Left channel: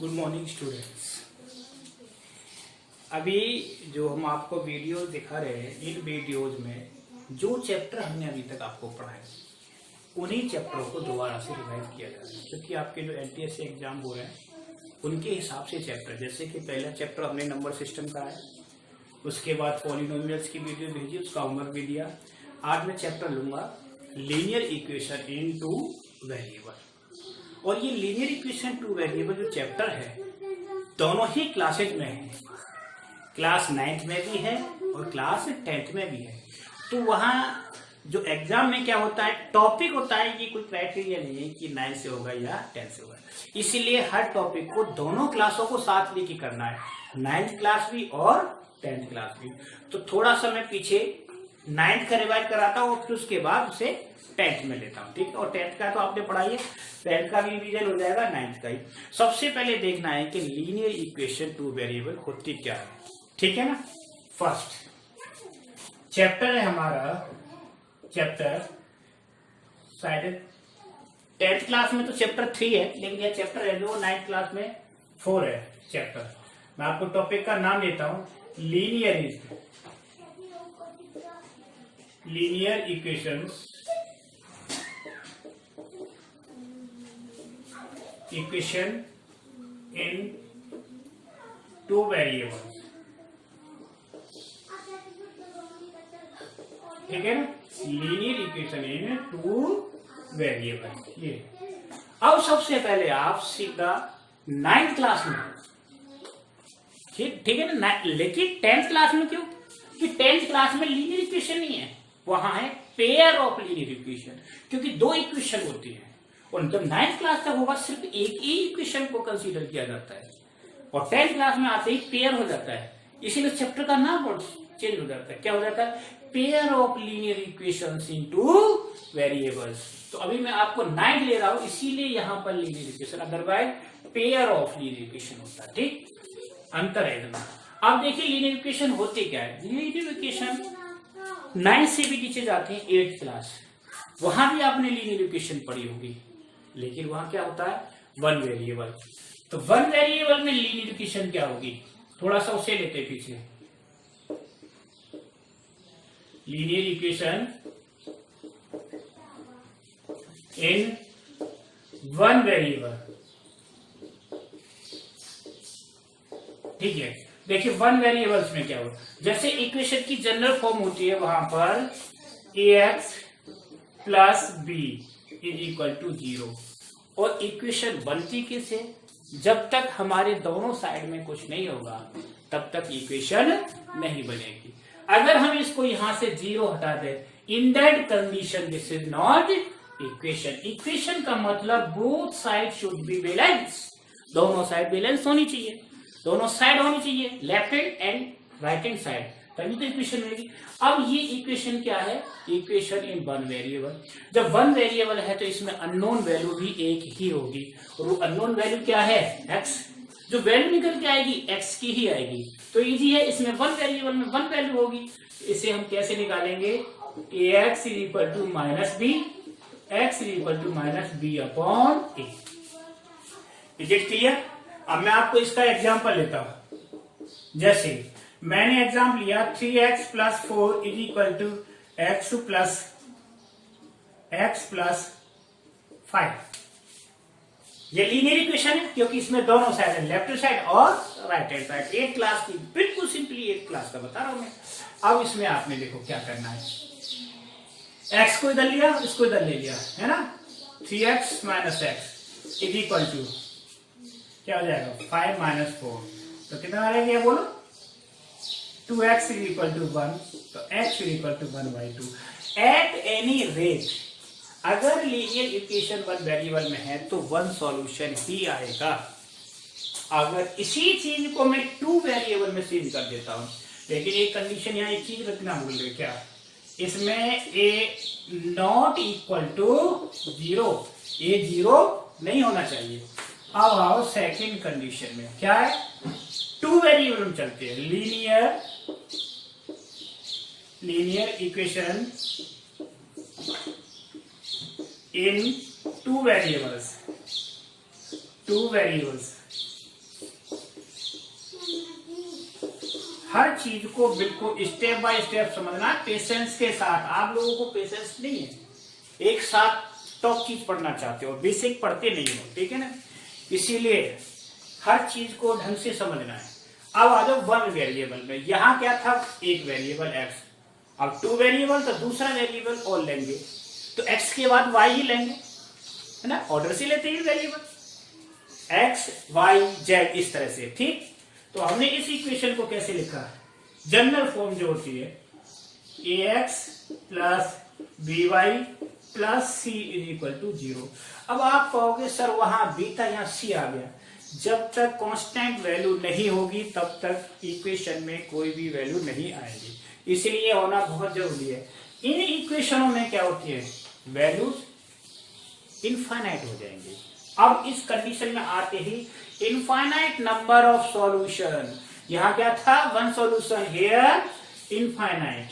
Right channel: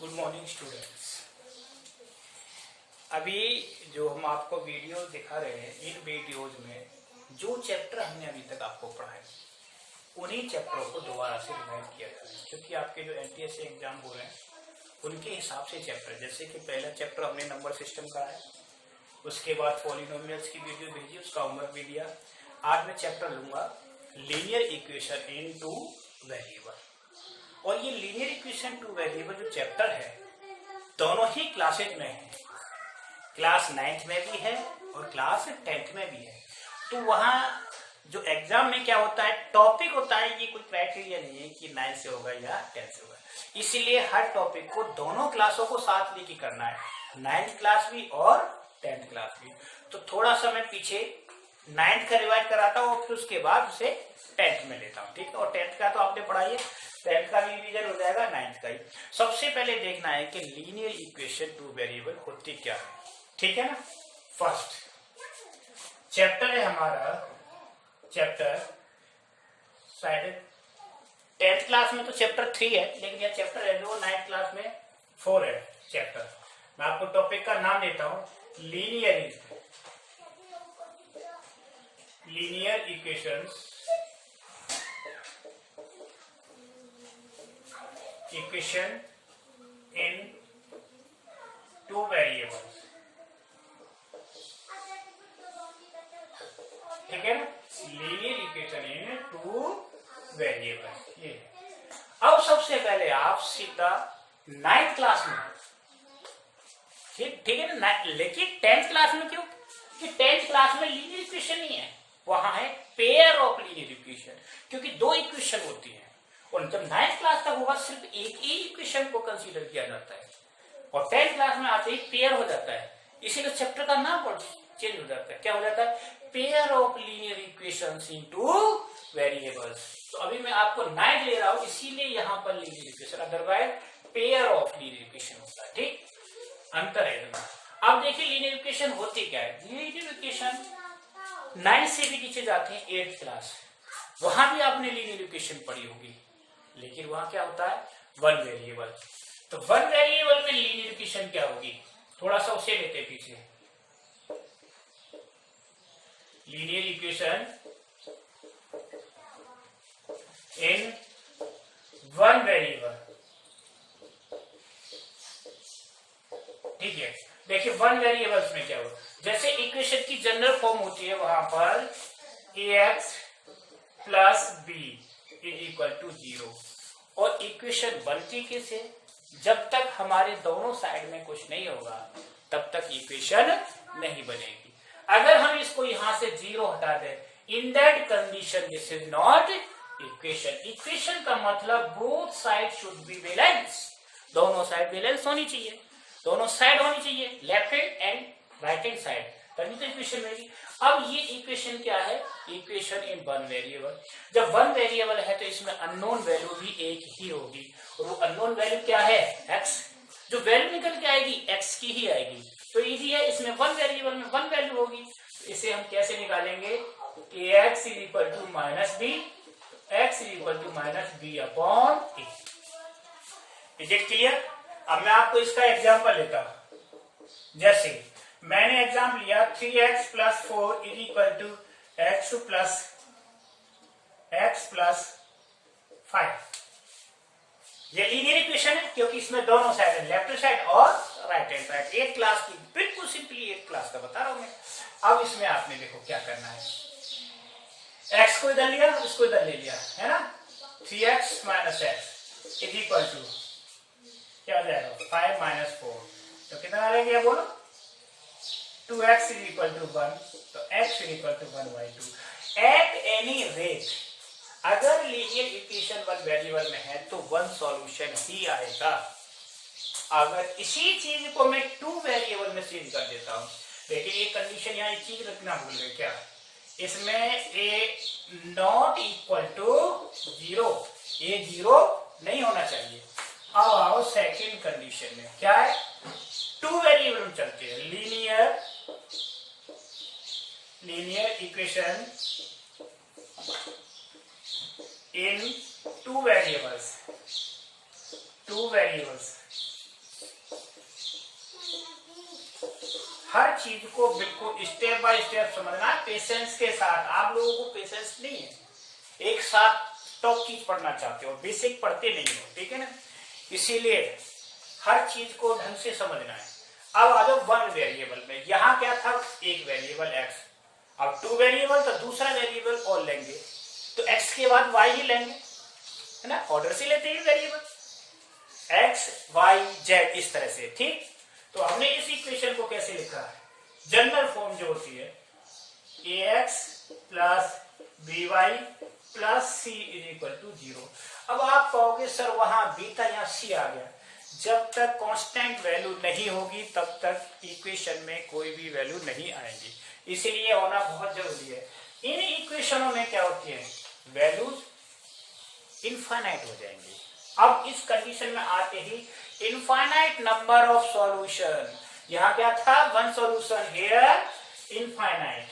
Good morning students. अभी जो हम आपको वीडियो दिखा रहे हैं, इन वीडियोज में जो चैप्टर हमने अभी तक आपको पढ़ाए उन्हीं चैप्टरों को दोबारा से रिवाइज किया जा रहा है, क्योंकि आपके जो एनटीएससी एग्जाम हो रहे हैं उनके हिसाब से चैप्टर, जैसे कि पहला चैप्टर हमने नंबर सिस्टम का है, उसके बाद पॉलिनोमियल्स की वीडियो भेजी, उसका होमवर्क भी दिया। आज मैं चैप्टर लूंगा linear equation in two variable. और ये लीनियर इक्वेशन टू वेरिएबल जो चैप्टर है दोनों ही क्लासेज में है, क्लास 9th में भी है और क्लास 10th में भी है। तो वहाँ जो एग्जाम में क्या होता है, टॉपिक होता है, ये कोई क्राइटेरिया नहीं है कि 9 से होगा या 10 से होगा। इसीलिए हर टॉपिक को दोनों क्लासों को साथ लेके करना है, 9th क्लास भी और 10th क्लास भी। तो थोड़ा सा मैं पीछे 9th का रिवाइज कराता हूँ और फिर उसके बाद उसे 10th में लेता हूँ, ठीक है। और 10th का तो आपने पढ़ाई है, 10th का भी रिवीजन हो जाएगा, 9th का ही। सबसे पहले देखना है कि लीनियर इक्वेशन टू वेरिएबल होती क्या है, ठीक है ना। फर्स्ट चैप्टर है हमारा, चैप्टर शायद 10th क्लास में तो चैप्टर 3 है, लेकिन यह चैप्टर है जो 9th क्लास में 4 है चैप्टर। मैं आपको टॉपिक का नाम देता हूं, linear equation in two variables, ठीक है ना। Linear equation in two variables, ये। अब सबसे पहले आप सीधा 9th क्लास में, ठीक है ना, लेकिन 10th क्लास में क्यों, कि 10th क्लास में लीनियर इक्वेशन नहीं है, वहां है पेयर ऑफ लीनियर इक्वेशन, क्योंकि 2 इक्वेशन होती है। और जब 9th क्लास तक होगा सिर्फ एक ही इक्वेशन को कंसीडर किया जाता है, और 10th क्लास में आते ही पेयर हो जाता है, इसीलिए चैप्टर का नाम चेंज हो जाता है। क्या हो जाता है, pair of linear equations into variables. तो अभी मैं आपको 9 ले रहा हूं, इसीलिए यहां पर linear equation, otherwise pair of linear equation होता है, ठीक। अंतर है इसमें। अब देखिए लीनियर इक्वेशन होती क्या है। लीनियर इक्वेशन 9 से भी नीचे जाते हैं 8th क्लास, वहां भी आपने लीनियर इक्वेशन पढ़ी होगी, लेकिन वहां क्या होता है, 1 वेरिएबल। तो 1 वेरिएबल में लीनियर इक्वेशन क्या होगी, थोड़ा सा उसे लेते हैं पीछे। लीनियर इक्वेशन इन 1 वेरिएबल, ठीक है। देखिए 1 वेरिएबल्स में क्या होगा, जैसे इक्वेशन की जनरल फॉर्म होती है वहां पर ax plus b is equal to 0। और इक्वेशन बनती किससे, जब तक हमारे दोनों साइड में कुछ नहीं होगा तब तक इक्वेशन नहीं बनेगी। अगर हम इसको यहां से 0 हटा दें, in that condition this is not equation. Equation का मतलब both side should be balance, दोनों साइड बैलेंस होनी चाहिए, दोनों साइड होनी चाहिए, left hand and right hand side, तभी तो इक्वेशन मिलेगी। अब ये इक्वेशन क्या है, इक्वेशन इन 1 वेरिएबल। जब 1 वेरिएबल है तो इसमें अननोन वैल्यू भी एक ही होगी, और वो अननोन वैल्यू क्या है, x। जो वैल्यू निकल के आएगी x की ही आएगी, तो इजी है, इसमें 1 वेरिएबल में 1 वैल्यू होगी। तो इसे हम कैसे निकालेंगे, ax is equal to minus b, x is equal to minus b upon a. Is it clear. अब मैं आपको इसका एग्जाम्पल लेता हूं, जैसे मैंने एग्जाम लिया 3x plus 4 is equal to x plus 5। ये लीनियर इक्वेशन है क्योंकि इसमें दोनों साइड है, लेफ्ट साइड और right hand side. 8th class की, बिल्कुल सिंपली 8th क्लास का बता रहा हूं मैं। अब इसमें आपने देखो क्या करना है, x को इधर लिया, इसको इधर ले लिया, है ना। 3x minus x is equal to क्या हो जाएगा, 5 माइनस 4। तो कितना आ रहा है, बोलो 2x इज इक्वल टू 1, तो x is equal to 1/2। At any rate अगर लीनियर इक्वेशन 1 वेरिएबल में है तो 1 सॉल्यूशन ही आएगा। अगर इसी चीज को मैं 2 वेरिएबल में चेंज कर देता हूं, लेकिन एक कंडीशन यहाँ एक चीज रखना भूल गए, क्या, इसमें a not equal to 0, a 0 नहीं होना चाहिए। अब आओ सेकंड कंडीशन में, क्या है, 2 वेरिएबल में चलते हैं, linear equation in two variables हर चीज को बिल्कुल स्टेप बाय स्टेप समझना, पेशेंस के साथ। आप लोगों को पेशेंस नहीं है, एक साथ टॉप चीज पढ़ना चाहते हो, बेसिक पढ़ते नहीं हो, ठीक है ना, इसीलिए हर चीज को ढंग से समझना है। अब आ जाओ वन वेरिएबल में। यहाँ क्या था, एक वेरिएबल एक्स, अब टू वेरिएबल तो दूसरा वेरिएबल और लेंगे, तो एक्स के बाद वाई ही लेंगे, है ना, ऑर्डर से लेते हैं वेरिएबल एक्स वाई जेड इस तरह से, ठीक। तो हमने इस इक्वेशन को कैसे लिखा है, जनरल फॉर्म जो होती है a x plus b y plus c is equal to 0। अब आप कहोगे सर वहां बी था, यहाँ सी आ गया। जब तक कांस्टेंट वैल्यू नहीं होगी तब तक इक्वेशन में कोई भी वैल्यू नहीं आएगी, इसलिए होना बहुत जरूरी है। इन इक्वेशनों में क्या होती है, वैल्यूज इनफाइनाइट हो जाएंगे। अब इस कंडीशन में आते ही इनफाइनाइट नंबर ऑफ सॉल्यूशन, यहां क्या था, one solution, here infinite,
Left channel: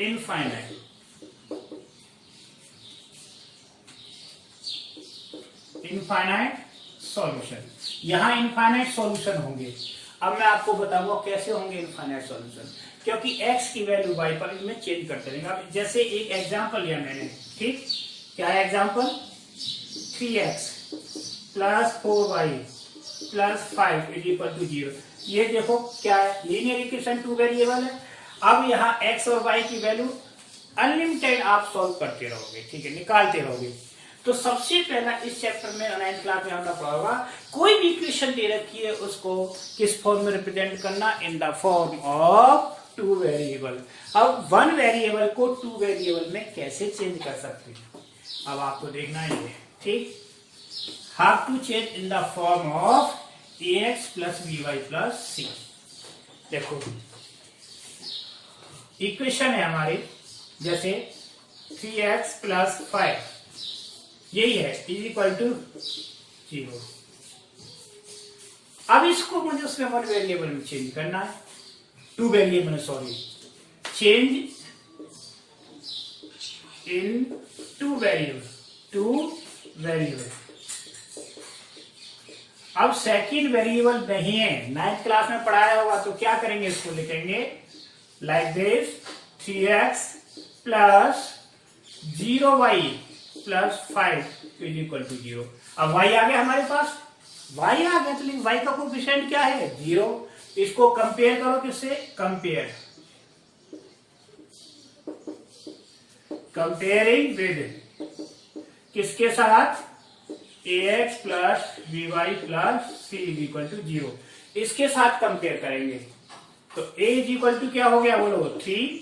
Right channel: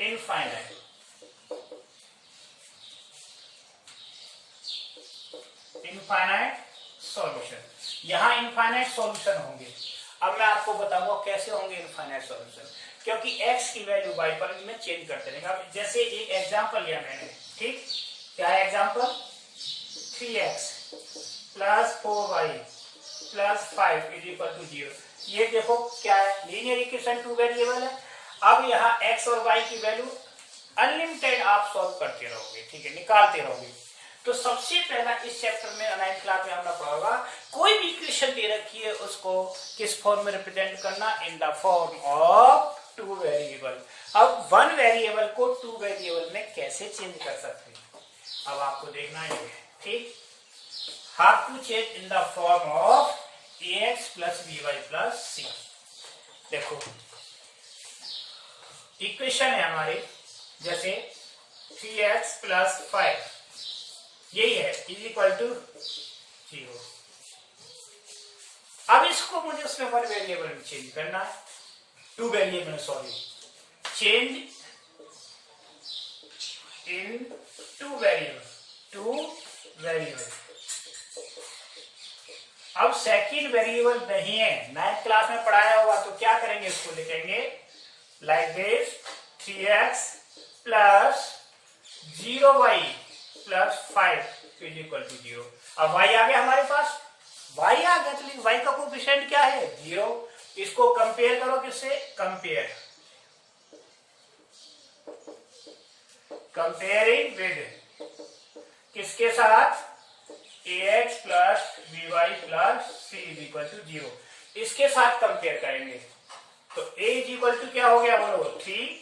infinite, infinite solution, यहां इनफाइनाइट सॉल्यूशन होंगे। अब मैं आपको बताऊंगा कैसे होंगे इनफाइनाइट सॉल्यूशन, क्योंकि x की वैल्यू y पर में चेंज करते रहेंगे। अब जैसे एक एग्जांपल लिया मैंने, ठीक, क्या है example, 3x plus 4y plus 5 is equal to 0। ये देखो क्या है, लीनियर इक्वेशन, टू वेरिएबल है। अब यहाँ x और y की वैल्यू अनलिमिटेड आप सॉल्व करते रहोगे, ठीक है, निकालते रहोगे। तो सबसे पहला इस चैप्टर में 9th क्लास में हमने पढ़ा होगा, कोई भी इक्वेशन दे रखी है उसको किस फॉर्म में रिप्रेजेंट करना, इन the form of two variable. अब वन वेरिएबल को टू वेरिएबल में कैसे चेंज कर सकते हैं, अब आपको देखना ही है, ठीक। How to change in the form of a x plus b y plus c. देखो इक्वेशन है हमारी, जैसे 3x प्लस 5 यही है इज इक्वल टू 0। अब इसको मुझे उसमें वन वेरिएबल में चेंज करना है, two variable, sorry, change in two variable, two variable. अब सेकंड वेरिएबल नहीं है, 9th क्लास में पढ़ाया होगा, तो क्या करेंगे, इसको लिखेंगे like this, 3x plus 0y plus 5 is equal to 0। अब y आ गया हमारे पास, y आ गया, तो y का कोएफिशिएंट क्या है, 0। इसको कंपेयर करो किससे, कंपेयरिंग विद किसके साथ, ax plus by plus c is equal to 0, इसके साथ कंपेयर करेंगे। तो a इज इक्वल टू क्या हो गया, बोलो 3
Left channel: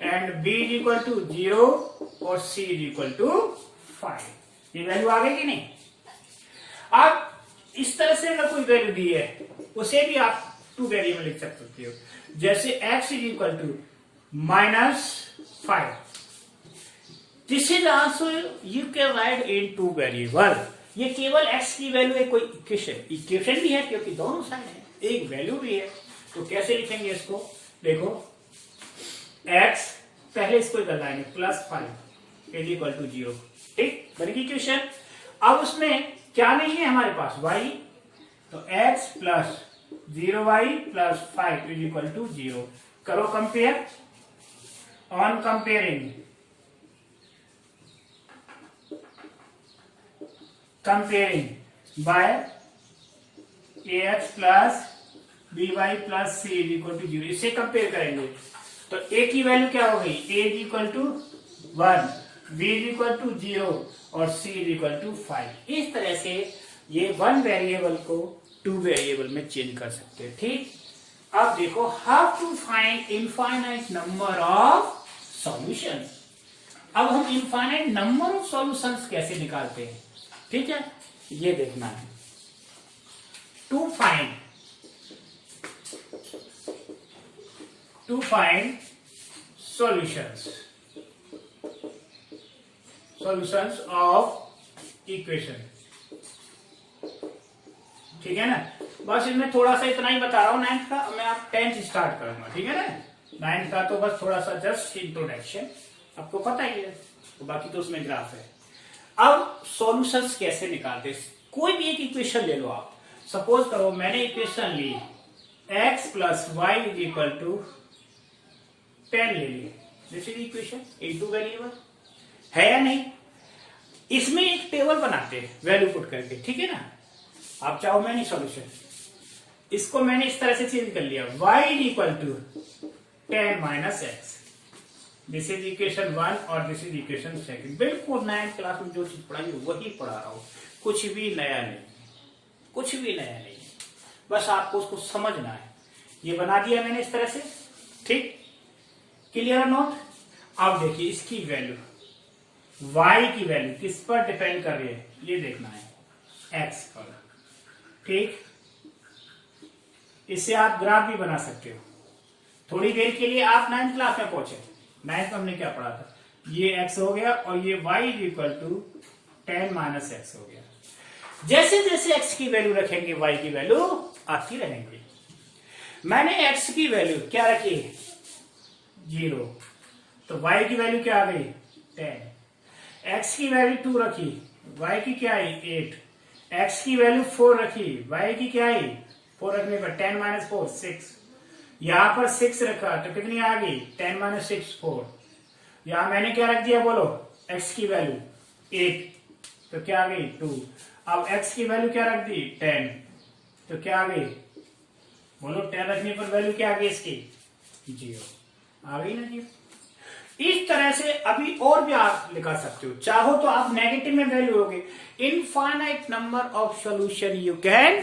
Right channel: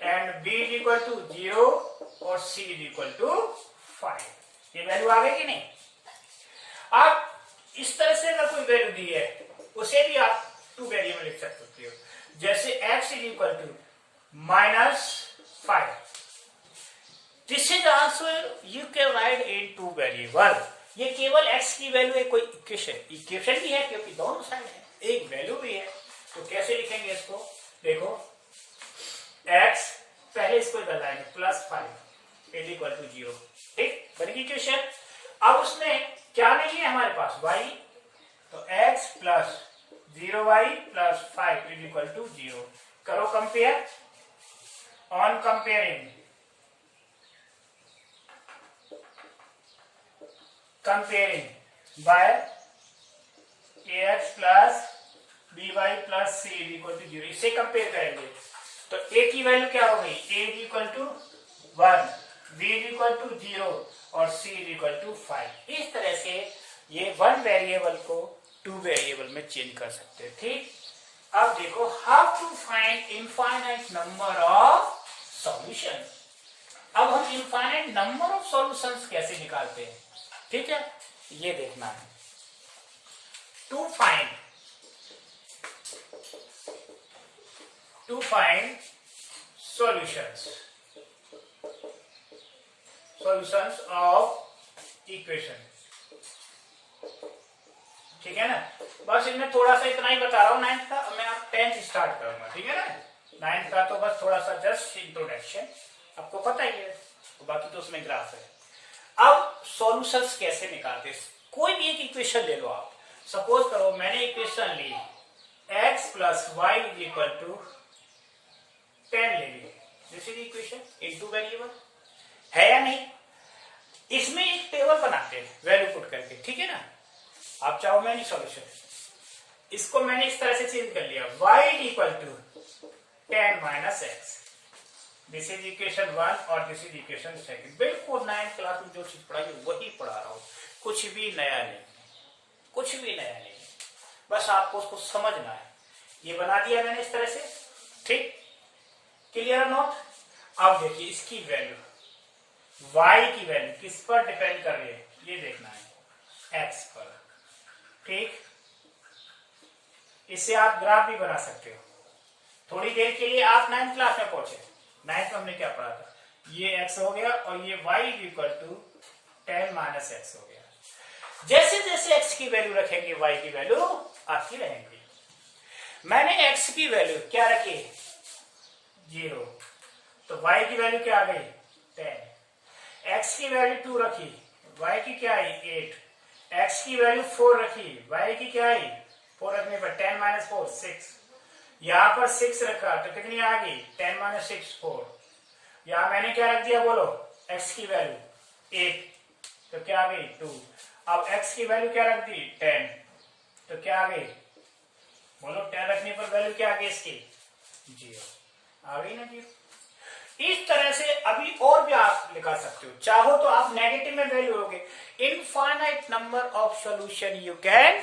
and b is equal to 0 और c इज इक्वल टू 5। ये वैल्यू आ गई कि नहीं। अब इस तरह से अगर कोई वैल्यू दी है उसे भी आप टू वेरिएबल लिख सकते हो, जैसे x is equal to -5, this is also you can write in two variable. ये केवल x की वैल्यू है, कोई इक्वेशन भी है, क्योंकि दोनों साइड है, एक वैल्यू भी है। तो कैसे लिखेंगे इसको, देखो x, पहले इसको इधर लाएंगे, प्लस 5 इज इक्वल टू 0, ठीक, बनेगी इक्वेशन। अब उसमें क्या नहीं है हमारे पास, y, तो x plus 0y plus 5 is equal to 0। करो compare, on comparing, by ax plus by plus c is equal to 0, इससे कंपेयर करेंगे। तो a की वैल्यू क्या हो गई, a is equal to 1, b is equal to 0 और c इज इक्वल टू 5। इस तरह से ये वन वेरिएबल को टू वेरिएबल में चेंज कर सकते हैं, ठीक। अब देखो, how to find infinite number of solution. अब हम इनफाइनाइट नंबर ऑफ सॉल्यूशंस कैसे निकालते हैं, ठीक है, ये देखना है। To find solutions of equation, ठीक है ना। बस इसमें थोड़ा सा इतना ही बता रहा हूं 9th का, मैं आप 10th स्टार्ट करूंगा, ठीक है ना। 9th का तो बस थोड़ा सा जस्ट इंट्रोडक्शन, आपको पता ही है, तो बाकी तो उसमें ग्राफ है। अब सॉल्यूशंस कैसे निकालते, कोई भी एक इक्वेशन ले लो आप, सपोज करो मैंने इक्वेशन ली x plus y is equal to 10 ले लिए। This is equation in two variable, है या नहीं? इसमें एक टेबल बनाते हैं वैल्यू पुट करके, ठीक है ना। आप चाहो मैंने सॉल्यूशन, इसको मैंने इस तरह से चेंज कर लिया, y is equal to 10 minus x. This is equation 1 और दिस इज इक्वेशन 2। बिल्कुल 9th क्लास में जो चीज पढ़ाई वही पढ़ा रहा हूं, कुछ भी नया नहीं, कुछ भी नया नहीं, बस आपको उसको समझना है। ये बना दिया मैंने इस तरह से, ठीक, क्लियर नोट। अब देखिए इसकी वैल्यू, y की वैल्यू किस पर डिपेंड कर रही है ये देखना है, x पर, ठीक। इससे आप ग्राफ भी बना सकते हो। थोड़ी देर के लिए आप 9th क्लास में पहुंचे, 9th में हमने क्या पढ़ा था, ये x हो गया और ये y is equal to 10 minus x हो गया। जैसे जैसे x की वैल्यू रखेंगे y की वैल्यू आती रहेंगी। मैंने x की वैल्यू क्या रखी, 0, तो y की वैल्यू क्या आ गई 10। x की वैल्यू 2 रखी, y की क्या आई 8। x की वैल्यू 4 रखी, y की क्या आई 4 रखने पर 10 माइनस 4 6। यहां पर 6 रखा तो कितनी आ गई 10 माइनस 6 4। यहां मैंने क्या रख दिया बोलो, x की वैल्यू 8 तो क्या आ गई 2। अब x की वैल्यू क्या रख दी 10 तो क्या आ गई बोलो, 10 रखने पर वैल्यू क्या आ गई इसकी 0 आ गई ना 0। इस तरह से अभी और भी आप लिखा सकते हो, चाहो तो आप नेगेटिव में वैल्यू लोगे। Infinite number of solution you can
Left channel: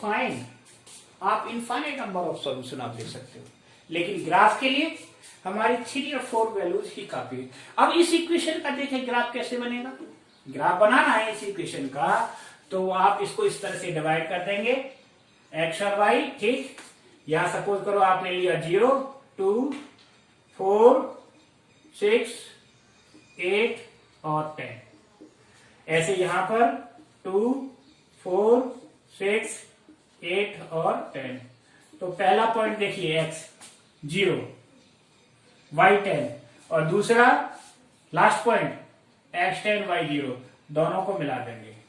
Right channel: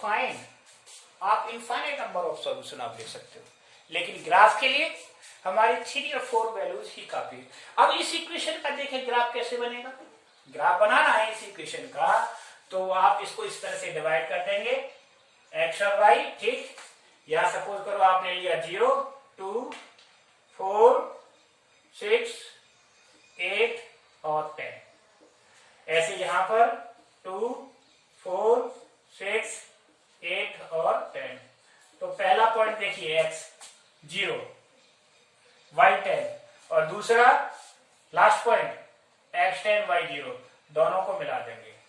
find, आप इनफाइनाइट नंबर ऑफ सॉल्यूशन आप ले सकते हो, लेकिन ग्राफ के लिए हमारी 3 और 4 वैल्यूज ही काफी है। अब इस इक्वेशन का देखें ग्राफ कैसे बनेगा। ग्राफ बनाना है इस इक्वेशन का, तो आप इसको इस तरह से डिवाइड कर देंगे x और y, ठीक। या सपोज करो आपने लिया 0 2 4 6 8 और 10, ऐसे यहां पर 2 4 6 8 और 10। तो पहला पॉइंट देखिए x 0 y 10 और दूसरा लास्ट पॉइंट x 10 y 0, दोनों को मिला देंगे।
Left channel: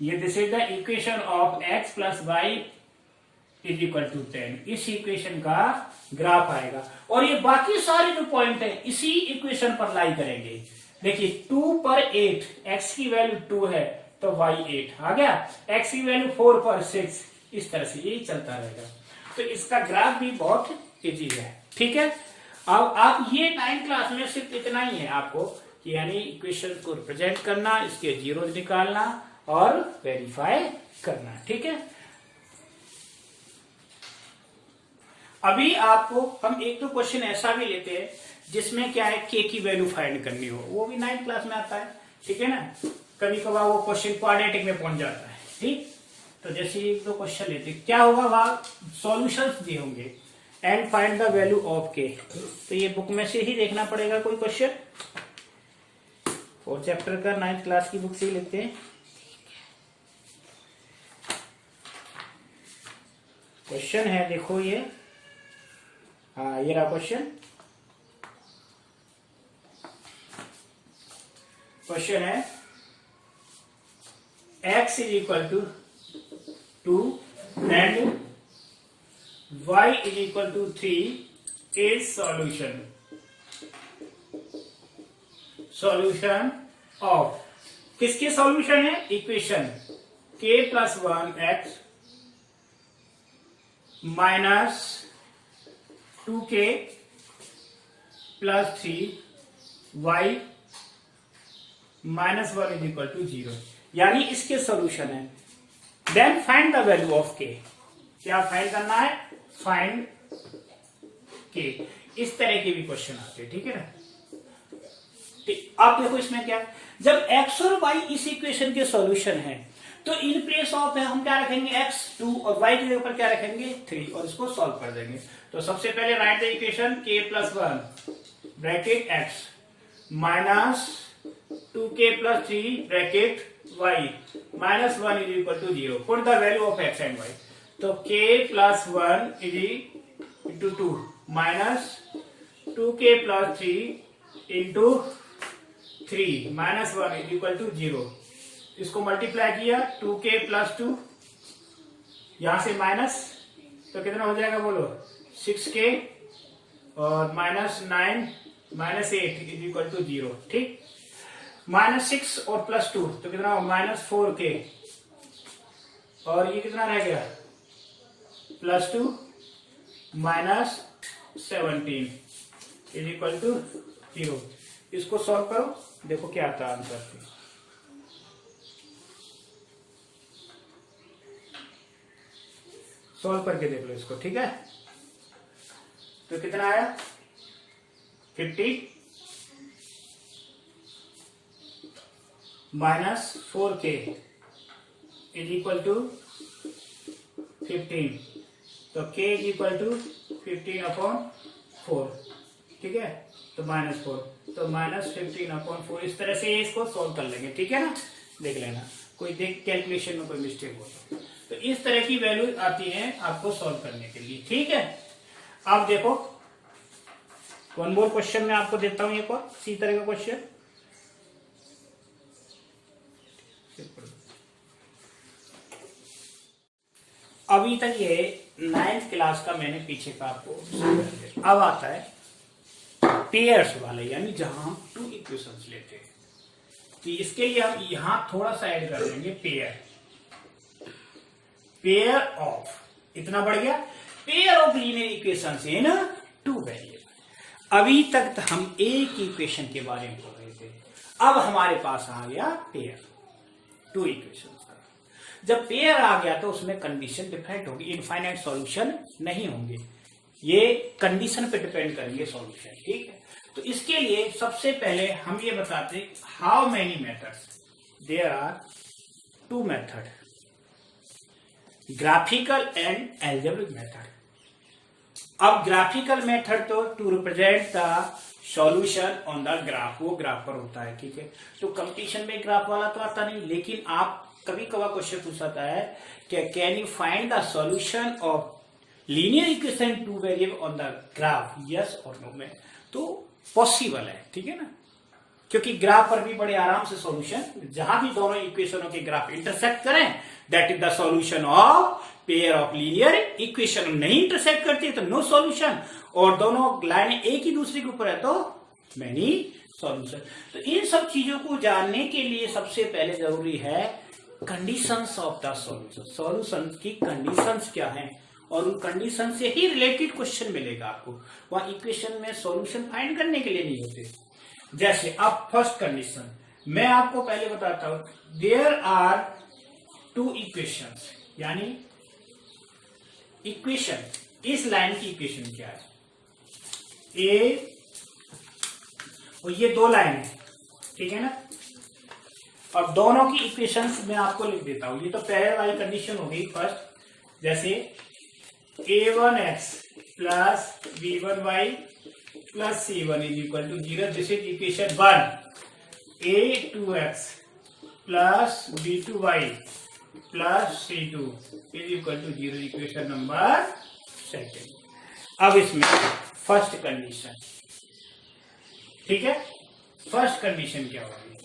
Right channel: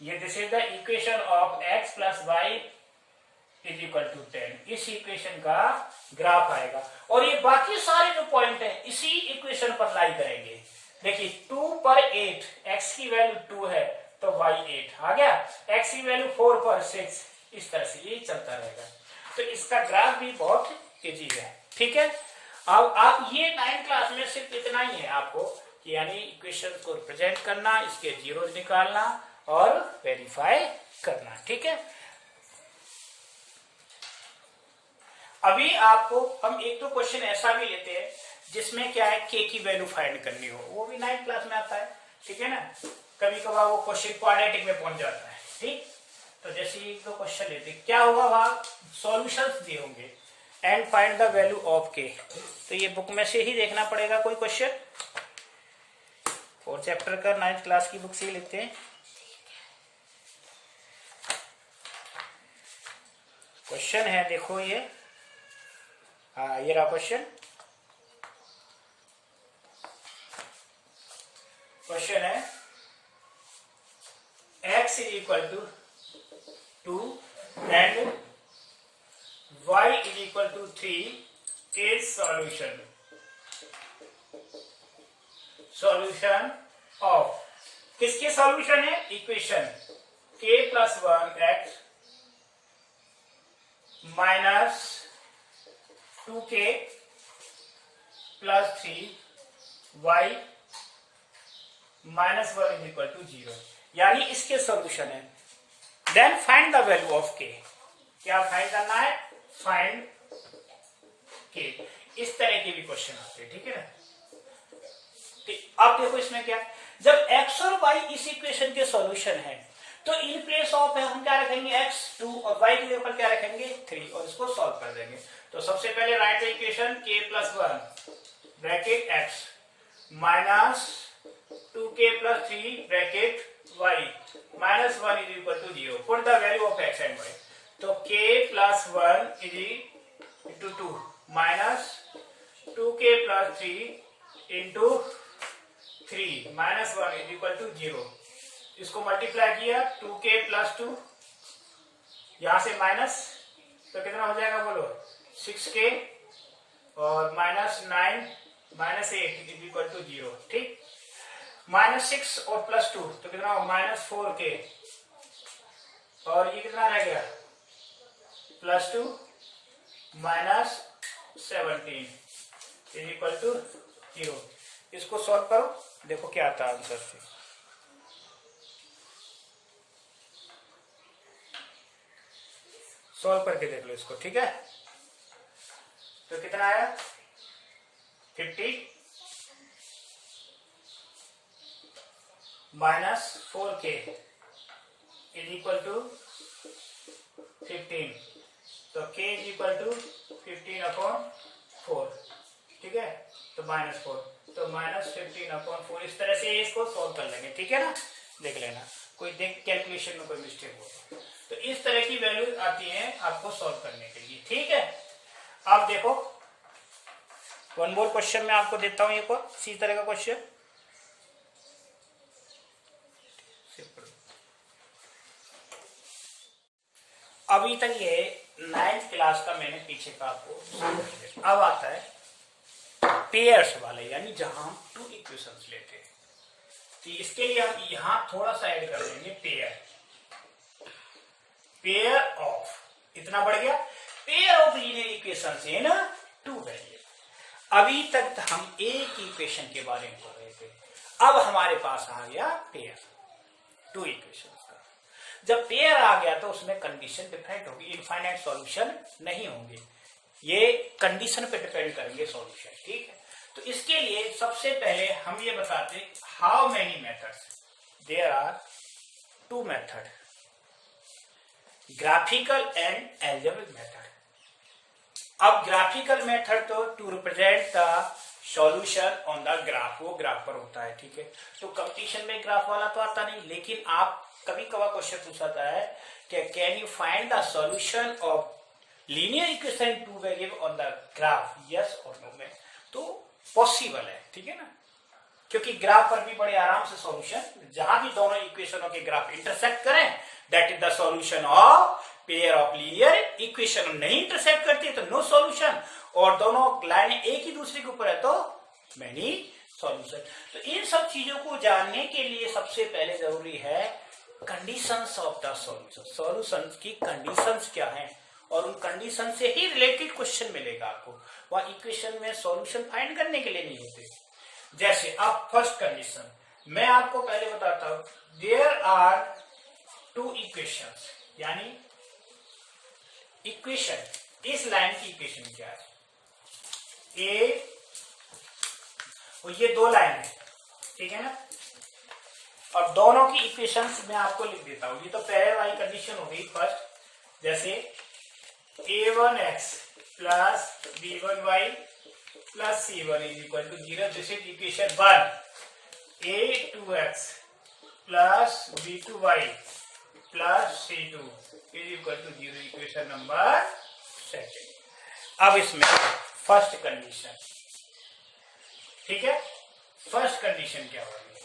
ये this is the equation of x plus y is equal to 10। इस इक्वेशन का ग्राफ आएगा और ये बाकी सारे जो पॉइंट है इसी इक्वेशन पर लाई करेंगे। देखिए 2 पर 8, x की वैल्यू 2 है तो y 8 आ गया, x की वैल्यू 4 पर 6, इस तरह से ये चलता रहेगा। तो इसका ग्राफ भी बहुत इजी है, ठीक है। अब आप ये 9th क्लास में सिर्फ इतना ही है आपको, यानी इक्वेशन को रिप्रेजेंट करना, इसके जीरोज निकालना और वेरीफाई करना, ठीक है। अभी आपको हम एक दो क्वेश्चन ऐसा भी लेते हैं जिसमें क्या है k की वैल्यू फाइंड करनी हो, वो भी 9th क्लास में आता है, ठीक है ना। कभी कभार वो क्वेश्चन क्वाड्रेटिक में पहुंच जाता है, ठीक। तो जैसे एक दो क्वेश्चन लेते क्या होगा, वहां सॉल्यूशंस दिए होंगे and find the value of k। तो ये बुक में से ही देखना पड़ेगा कोई क्वेश्चन, 4th चैप्टर का 9th क्लास की बुक से ही लेते हैं। क्वेश्चन है देखो ये, हाँ ये रहा क्वेश्चन। क्वेश्चन है x is equal to 2 and y is equal to 3 is solution, solution of, किसके सॉल्यूशन है, equation k plus 1 x minus 2k plus 3 y minus 1 is equal to 0, यानी इसके सॉल्यूशन है। Then find the value of k, क्या find करना है, find k। इस तरह के भी क्वेश्चन आते हैं, ठीक है ना। अब देखो इसमें क्या है, जब x और y इस इक्वेशन के सॉल्यूशन है तो इन प्लेस ऑफ है हम क्या रखेंगे x 2 और y के ऊपर क्या रखेंगे 3 और इसको सॉल्व कर देंगे। तो सबसे पहले write the equation k plus 1 bracket x minus 2k plus 3 bracket y minus 1 is equal to 0। Put the value of x and y। तो k plus 1 is into 2 minus 2k plus 3 into 3 minus 1 is equal to 0। इसको multiply किया 2k plus 2, यहां से minus तो कितना हो जाएगा बोलो, 6k और -9 -8 इज इक्वल टू 0। ठीक, -6 और +2 तो कितना हो, -4k और ये कितना रह गया, +2 -17 इज इक्वल टू 0। इसको सॉल्व करो, देखो क्या आता है आंसर से। सॉल्व करके देख लो इसको, ठीक है। तो कितना आया, 50 -4k इज इक्वल टू 15, तो k इज इक्वल टू 15/4, ठीक है। तो -4, तो -15/4, इस तरह से इसको सॉल्व कर लेंगे, ठीक है ना। देख लेना कोई देख कैलकुलेशन में कोई मिस्टेक हो तो इस तरह की वैल्यू आती है आपको सॉल्व करने के लिए, ठीक है। अब देखो वन मोर क्वेश्चन मैं आपको देता हूं, एक और इसी तरह का क्वेश्चन। अभी तक ये 9th क्लास का मैंने पीछे का आपको, अब आता है पेयर्स वाले, यानी जहां हम 2 इक्वेशंस लेते हैं। तो इसके लिए हम यहां थोड़ा सा ऐड कर देंगे पेयर ऑफ, इतना बढ़ गया, pair of linear equations in 2 variable. अभी तक तो हम एक इक्वेशन के बारे में पढ़ रहे थे, अब हमारे पास आ गया पेयर, 2 इक्वेशंस का। जब पेयर आ गया तो उसमें कंडीशन डिफरेंट होगी, इनफाइनाइट सॉल्यूशन नहीं होंगे, ये कंडीशन पे डिपेंड करेंगे सॉल्यूशन, ठीक है। तो इसके लिए सबसे पहले हम ये बताते how many methods, there are 2 method, graphical and algebraic method. अब ग्राफिकल मेथड तो to represent the solution on the graph, वो ग्राफ पर होता है, ठीक है। तो कंपटीशन में ग्राफ वाला तो आता नहीं, लेकिन आप कभी कभार क्वेश्चन पूछाता है कि can you find the solution of linear equation 2 variable on the graph, yes और नो में, तो पॉसिबल है, ठीक है ना। क्योंकि ग्राफ पर भी बड़े आराम से सॉल्यूशन, जहां भी दोनों इक्वेशनों के ग्राफ इंटरसेक्ट करें that is the solution of pair of linear equation. नहीं इंटरसेक्ट करती तो नो सॉल्यूशन, और दोनों लाइनें एक ही दूसरे के ऊपर है तो मैनी सॉल्यूशन। तो इन सब चीजों को जानने के लिए सबसे पहले जरूरी है conditions of the solution, solution की कंडीशंस क्या हैं, और उन कंडीशन से ही रिलेटेड क्वेश्चन मिलेगा आपको। वहां इक्वेशन में सॉल्यूशन फाइंड करने के लिए नहीं होते। जैसे अब फर्स्ट कंडीशन मैं आपको पहले बताता हूं, देयर आर 2 इक्वेशंस, यानी इक्वेशन, इस लाइन की इक्वेशन क्या है, ए और ये 2 लाइन है, ठीक है ना। और दोनों की इक्वेशंस मैं आपको लिख देता हूं, ये तो पहले वाली कंडीशन हो गई फर्स्ट। जैसे a1x plus b1y plus c1 is equal to 0, this is equation 1। a2x plus b2y plus c2 is equal to 0, equation number 2। अब इसमें फर्स्ट कंडीशन, ठीक है। फर्स्ट कंडीशन क्या होगी,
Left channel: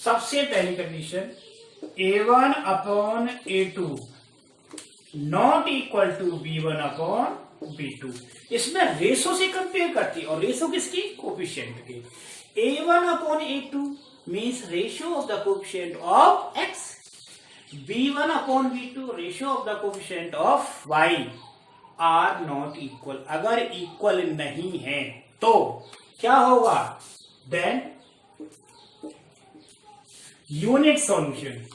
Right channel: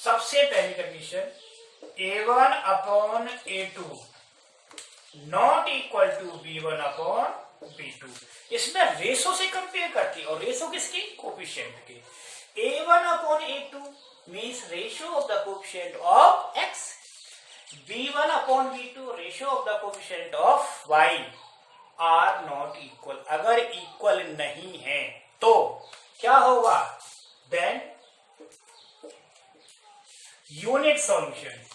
सबसे पहली condition a1 upon a2 not equal to b1 upon b2। इसमें ratio से कंपेयर करती है, और रेशो किसकी, कोफिशिएंट की। a1 upon a2 means ratio of the coefficient of x, b1 upon b2 ratio of the coefficient of y are not equal. अगर equal नहीं है तो क्या होगा, then unique solution,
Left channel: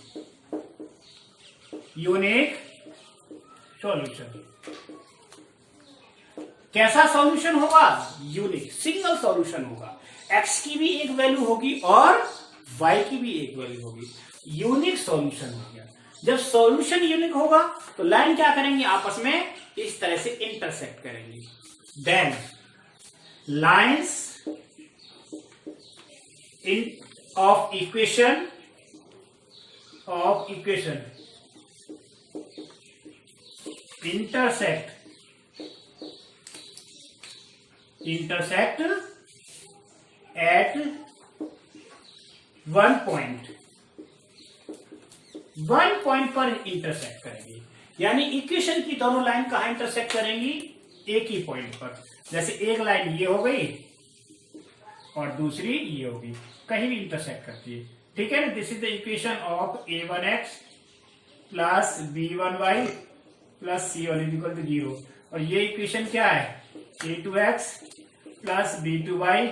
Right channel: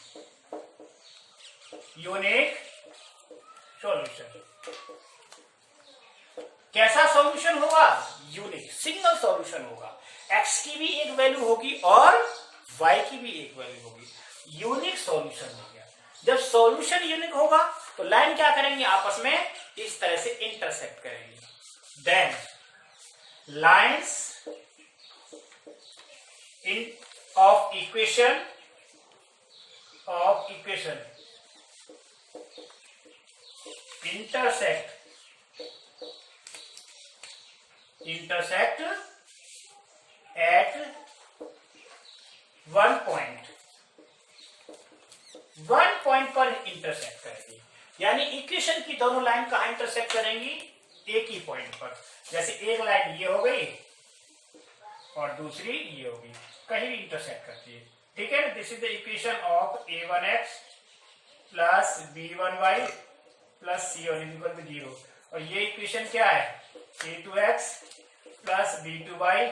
unique solution. कैसा सॉल्यूशन होगा, यूनिक, सिंगल सॉल्यूशन होगा। x की भी एक वैल्यू होगी और y की भी एक वैल्यू होगी, यूनिक सॉल्यूशन हो गया। जब सॉल्यूशन यूनिक होगा तो लाइन क्या करेंगे, आपस में इस तरह से इंटरसेक्ट करेंगी, then lines in of equation intersect at one point पर इंटरसेक्ट करेंगे। यानी इक्वेशन की दोनों लाइन कहां इंटरसेक्ट करेंगी, एक ही पॉइंट पर। जैसे एक लाइन ये हो गई और दूसरी ये होगी, कहीं भी इंटरसेक्ट करती है, ठीक है ना। This is the equation of a1x plus b1y plus c1 is equal to 0। और ये इक्वेशन क्या है, a2x plus b2y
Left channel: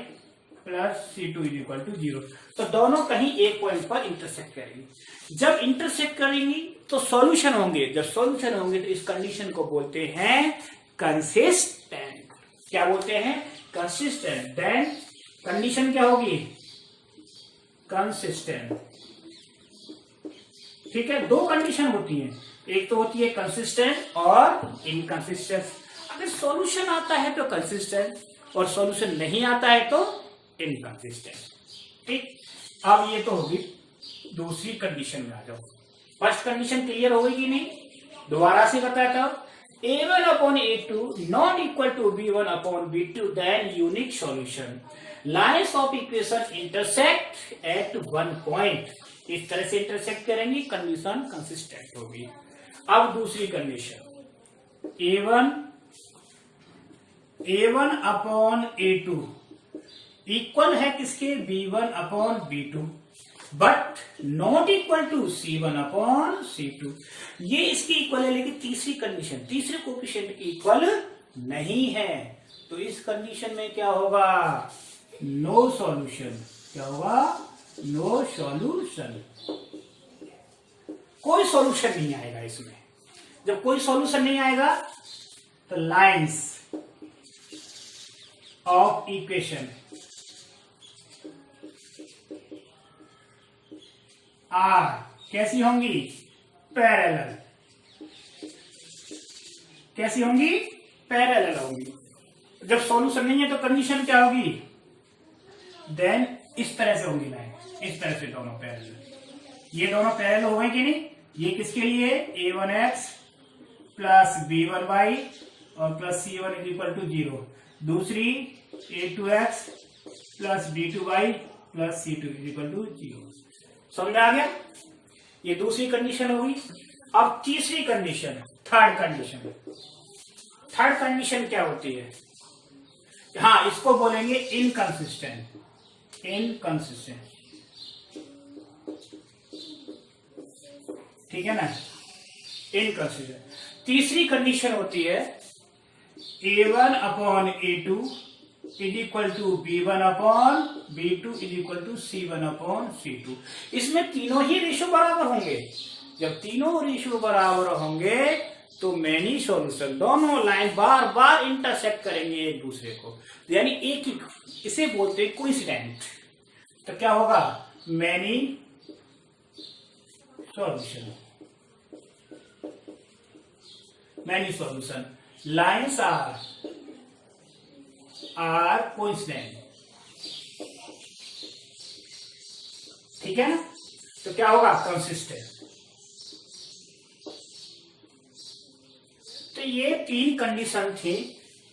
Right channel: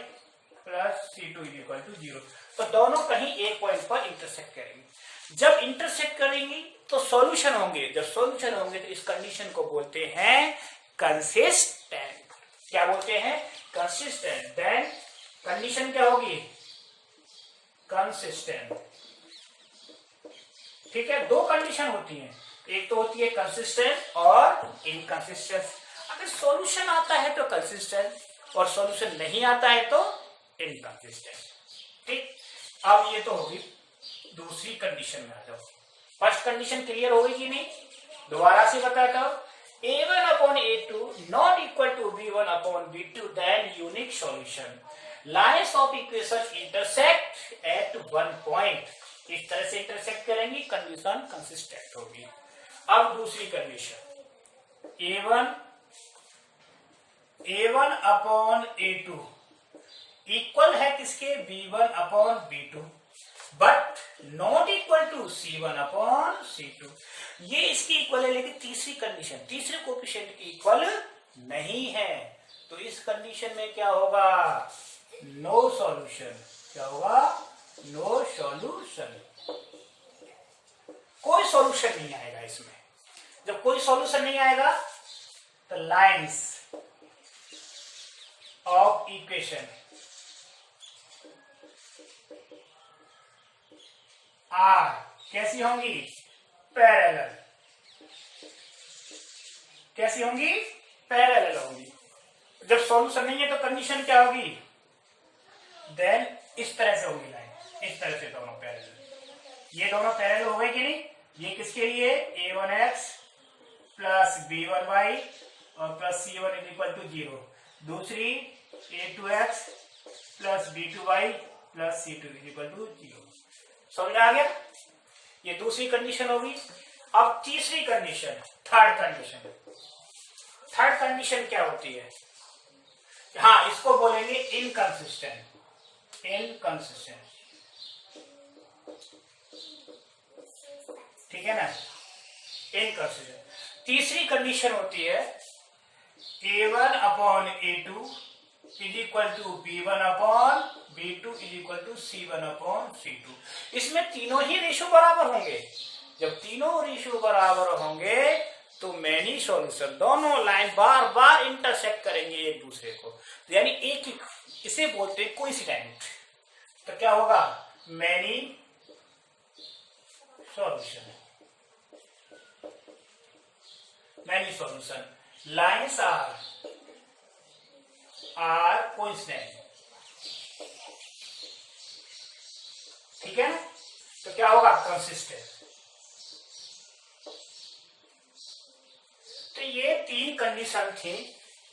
plus c2 is equal to 0। तो दोनों कहीं एक पॉइंट पर इंटरसेक्ट करेंगी। जब इंटरसेक्ट करेंगी तो सॉल्यूशन होंगे, जब सॉल्यूशन होंगे तो इस कंडीशन को बोलते हैं कंसिस्टेंट। क्या बोलते हैं, कंसिस्टेंट। देन कंडीशन क्या होगी, कंसिस्टेंट। ठीक है, दो कंडीशन होती हैं, एक तो होती है कंसिस्टेंट और इनकंसिस्टेंट। अगर सॉल्यूशन आता है तो कंसिस्टेंट और सॉल्यूशन नहीं आता है तो इनकंसिस्टेंट। ठीक, अब ये तो होगी दूसरी कंडीशन में आ जाओ। फर्स्ट कंडीशन क्लियर होगी कि नहीं, दोबारा से बताता हूं। a1 upon a2 not equal to b1 upon b2 then unique solution, lines of equation intersect at one point। इस तरह से इंटरसेक्ट करेंगी, कंडीशन कंसिस्टेंट होगी। अब दूसरी condition, a1 upon a2 equal है किसके, b1 upon b2 but not equal to c1 upon c2। ये इसकी इक्वल है, लेकिन तीसरी कंडीशन तीसरे कोएफिशिएंट की इक्वल नहीं है। तो इस कंडीशन में क्या होगा, नो सॉल्यूशन। क्या होगा, नो सॉल्यूशन। कोई सॉल्यूशन नहीं आएगा इसमें। जब कोई सॉल्यूशन नहीं आएगा तो लाइंस ऑफ इक्वेशन आर कैसी होंगी, पैरेलल। कैसी होंगी, पैरेलल होंगी। जब सॉल्यूशन नहीं है तो कंडीशन क्या होगी, देन इस तरह से होगी लाइन, इस तरह से दोनों पैरेलल। ये दोनों पैरेलल हो गए कि नहीं। ये किसके लिए, a1x प्लस b1y और plus c1 is equal to 0। दूसरी a2x plus b2y plus c2 is equal to 0। समझ आ गया, ये दूसरी कंडीशन होगी। अब तीसरी condition, third condition. Third condition क्या होती है, हाँ इसको बोलेंगे इनकंसिस्टेंट। इनकंसिस्टेंट, ठीक है ना, इनकंसिस्टेंट। तीसरी कंडीशन होती है a1 upon a2 is equal to b1 upon b2 is equal to c1 upon c2। इसमें तीनों ही रेशो बराबर होंगे। जब तीनों रेशो बराबर होंगे तो मैनी सॉल्यूशन, दोनों लाइन बार बार इंटरसेक्ट करेंगे एक दूसरे को, यानी एक ही, इसे बोलते हैं कोइंसिडेंट। तो क्या होगा, many solution. Many solution, lines are coincident. ठीक है ना, तो क्या होगा, कंसिस्टेंट। तो ये तीन कंडीशन थी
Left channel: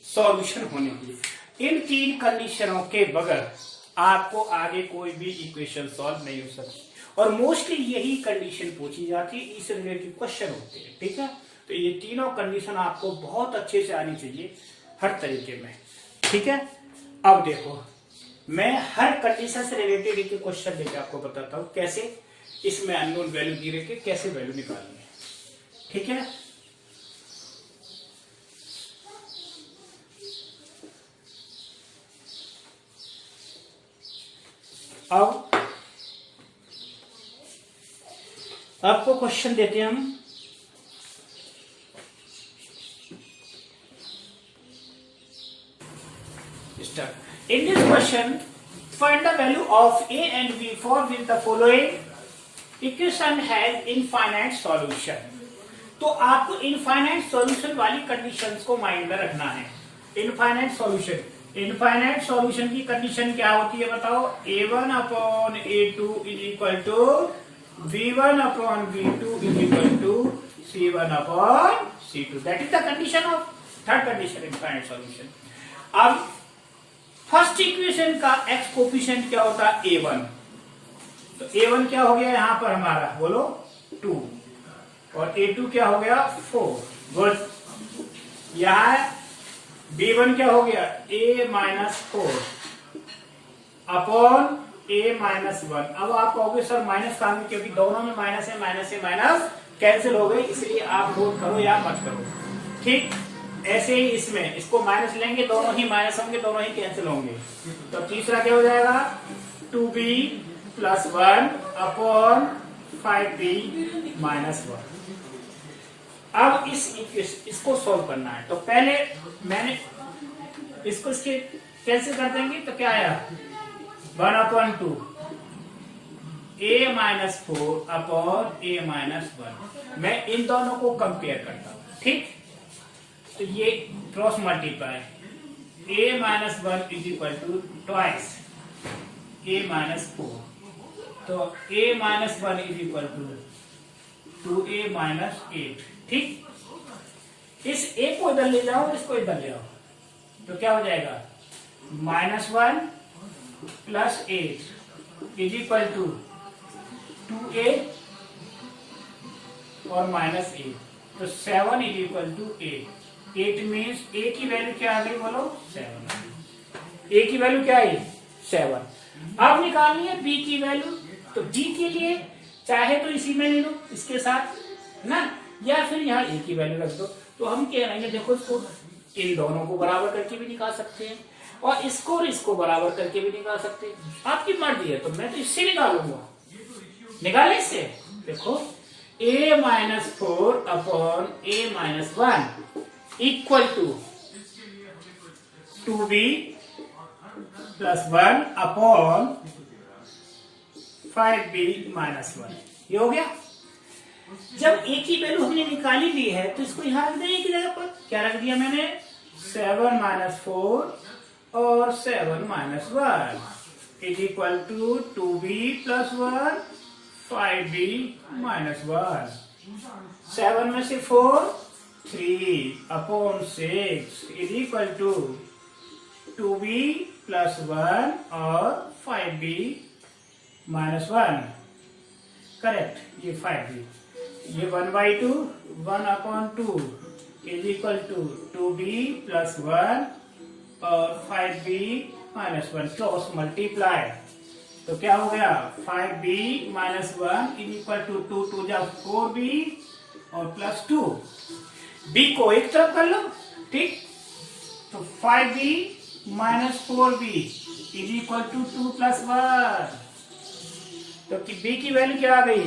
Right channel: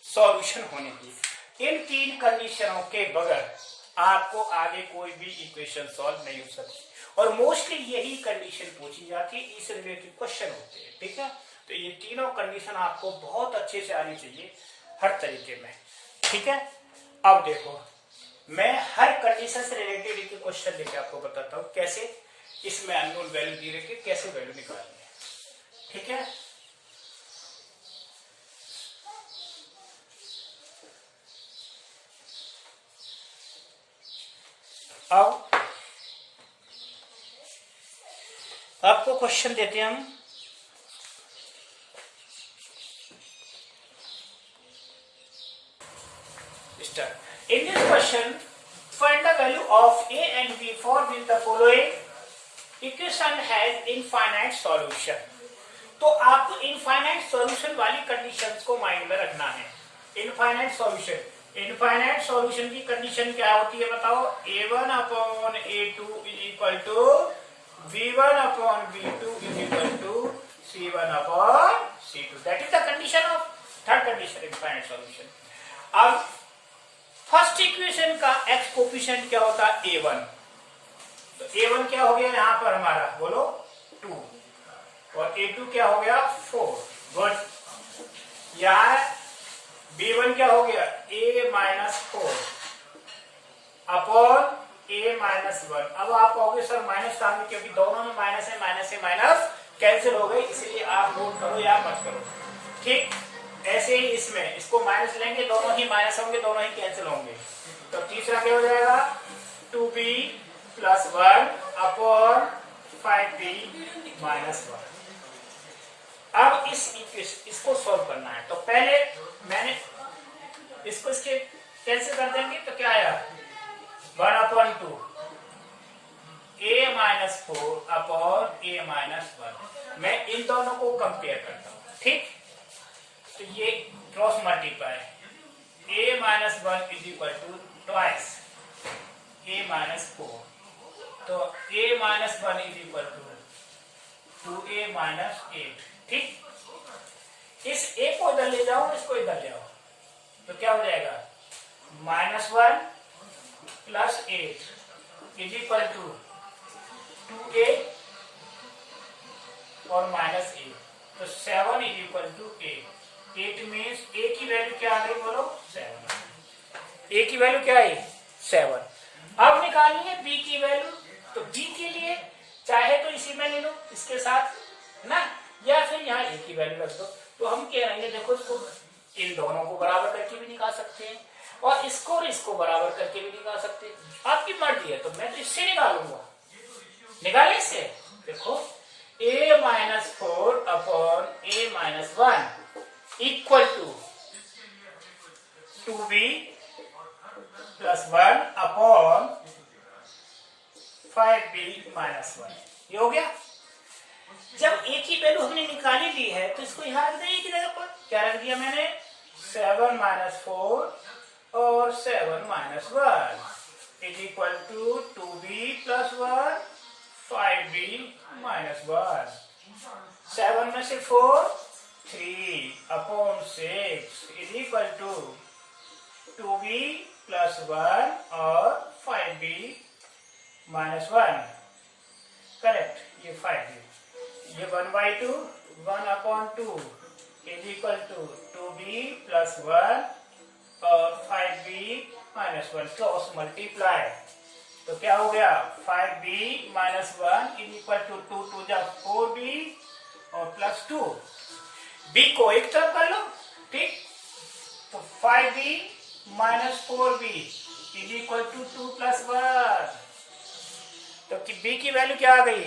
सॉल्यूशन होने की। इन तीन कंडीशनों के बगैर आपको आगे कोई भी इक्वेशन सॉल्व नहीं हो सकती, और मोस्टली यही कंडीशन पूछी जाती है, इससे रिलेटेड क्वेश्चन होते हैं। ठीक है, तो ये तीनों कंडीशन आपको बहुत अच्छे से आनी चाहिए हर तरीके में। ठीक है, अब देखो मैं हर कंडीशन से रिलेटेड एक क्वेश्चन लेके आपको बताता हूं कैसे इसमें अननोन वैल्यू दी रखी, कैसे वैल्यू निकालनी है। ठीक है, अब आपको क्वेश्चन देते हैं हम। In this question, find the value of a and b for which the following equation has infinite solution। तो आपको इनफाइनाइट सॉल्यूशन वाली कंडीशंस को माइंड में रखना है। इनफाइनाइट सॉल्यूशन, इनफाइनाइट सॉल्यूशन की कंडीशन क्या होती है बताओ, a1 upon a2 is equal to b1 upon b2 is equal to c1 upon c2। That is the condition of third condition, infinite solution. अब फर्स्ट इक्वेशन का x coefficient क्या होता है, a1। तो a1 क्या हो गया यहां पर हमारा, बोलो 2, और A2 क्या हो गया 4। गुड। यहाँ B1 क्या हो गया A-4 अपॉन A-1। अब आप कहोगे सर माइनस कहाँ में, क्योंकि दोनों में माइनस है, माइनस से माइनस कैंसिल हो गई, इसलिए आप नोट करो या मत करो। ठीक, ऐसे ही इसमें इसको माइनस लेंगे, दोनों ही माइनस होंगे, दोनों ही कैंसिल होंगे। तो तीसरा क्या हो जाएगा 2B + 1 अपॉन 5B - 1। अब इसको सोल्व करना है, तो पहले मैंने इसको इसके कैंसिल कर देंगे, तो क्या आया 1/2 A-4 अपॉन A-1। मैं इन दोनों को कंपेयर करता हूं। ठीक, तो ये cross multiply A-1 = twice A-4, तो A-1 = 2A-8। ठीक, इस A को इधर ले जाओ, इसको इधर ले आओ, तो क्या हो जाएगा -1 + 8 = 2A और -8, तो 7 = 8। 8 मीन्स A की वैल्यू क्या आ गई बोलो 7। A की वैल्यू क्या आई 7। अब निकालनी है B की वैल्यू, तो B के लिए चाहे तो इसी में ले लो इसके साथ ना, या फिर यहाँ A की वैल्यू रख दो। तो हम कह रहे हैं देखो इसको इन दोनों को बराबर करके भी निकाल सकते हैं और इसको और इसको बराबर करके भी निकाल सकते हैं, आपकी मर्जी है। तो मैं तो इससे निकालूंगा, निकालने से देखो A-4 upon A-1 = 2B + 1 upon 5B - 1। ये हो गया। जब A की वैल्यू हमने निकाली ली है, तो इसको यहां रख देंगे की जगह पर। क्या रख दिया मैंने 7 - 4 और 7 - 1 = 2B + 1 5B - 1। 7 में से 4 3 अपॉन 6 = 2B + 1 और 5B - 1। करेक्ट, ये 5B, ये 1/2 1/2 = 2B + 1 और 5B - 1। क्रॉस मल्टीप्लाई, तो क्या हो गया 5B - 1 = 2 2 जा 4B और +2। B को एक तरफ कर लो। ठीक, तो 5B - 4B = 2 + 1। तो B की वैल्यू क्या आ गई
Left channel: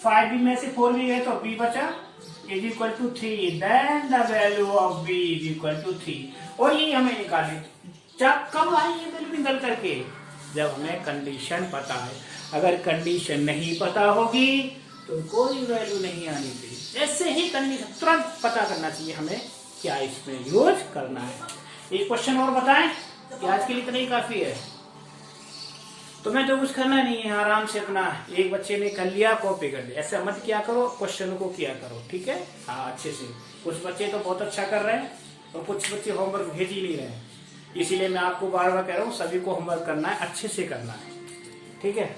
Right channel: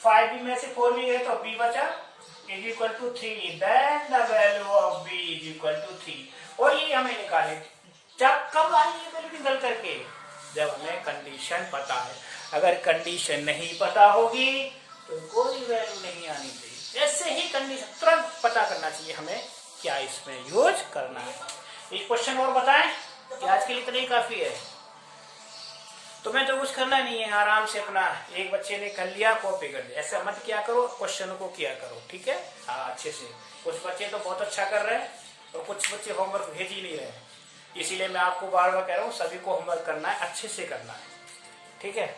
5B में से 4B गए तो B बचा = 3। Then the value of B = 3। और ये हमें निकाले कब आई ये वैल्यू निकल करके, जब हमें कंडीशन पता है। अगर कंडीशन नहीं पता होगी तो कोई वैल्यू नहीं आनी चाहिए। ऐसे ही कंडीशन तुरंत पता करना चाहिए हमें क्या इसमें यूज करना है। एक क्वेश्चन और बताएं कि आज के लिए इतना ही काफी है। तुम्हें तो कुछ करना नहीं है, आराम से अपना एक बच्चे ने कर लिया कॉपी कर दिया, ऐसा मत किया करो, क्वेश्चनों को किया करो। ठीक है, हाँ अच्छे से। कुछ बच्चे तो बहुत अच्छा कर रहे हैं और कुछ बच्चे होमवर्क भेज ही नहीं रहे हैं, इसीलिए मैं आपको बार बार कह रहा हूँ सभी को होमवर्क करना है, अच्छे से करना है। ठीक है।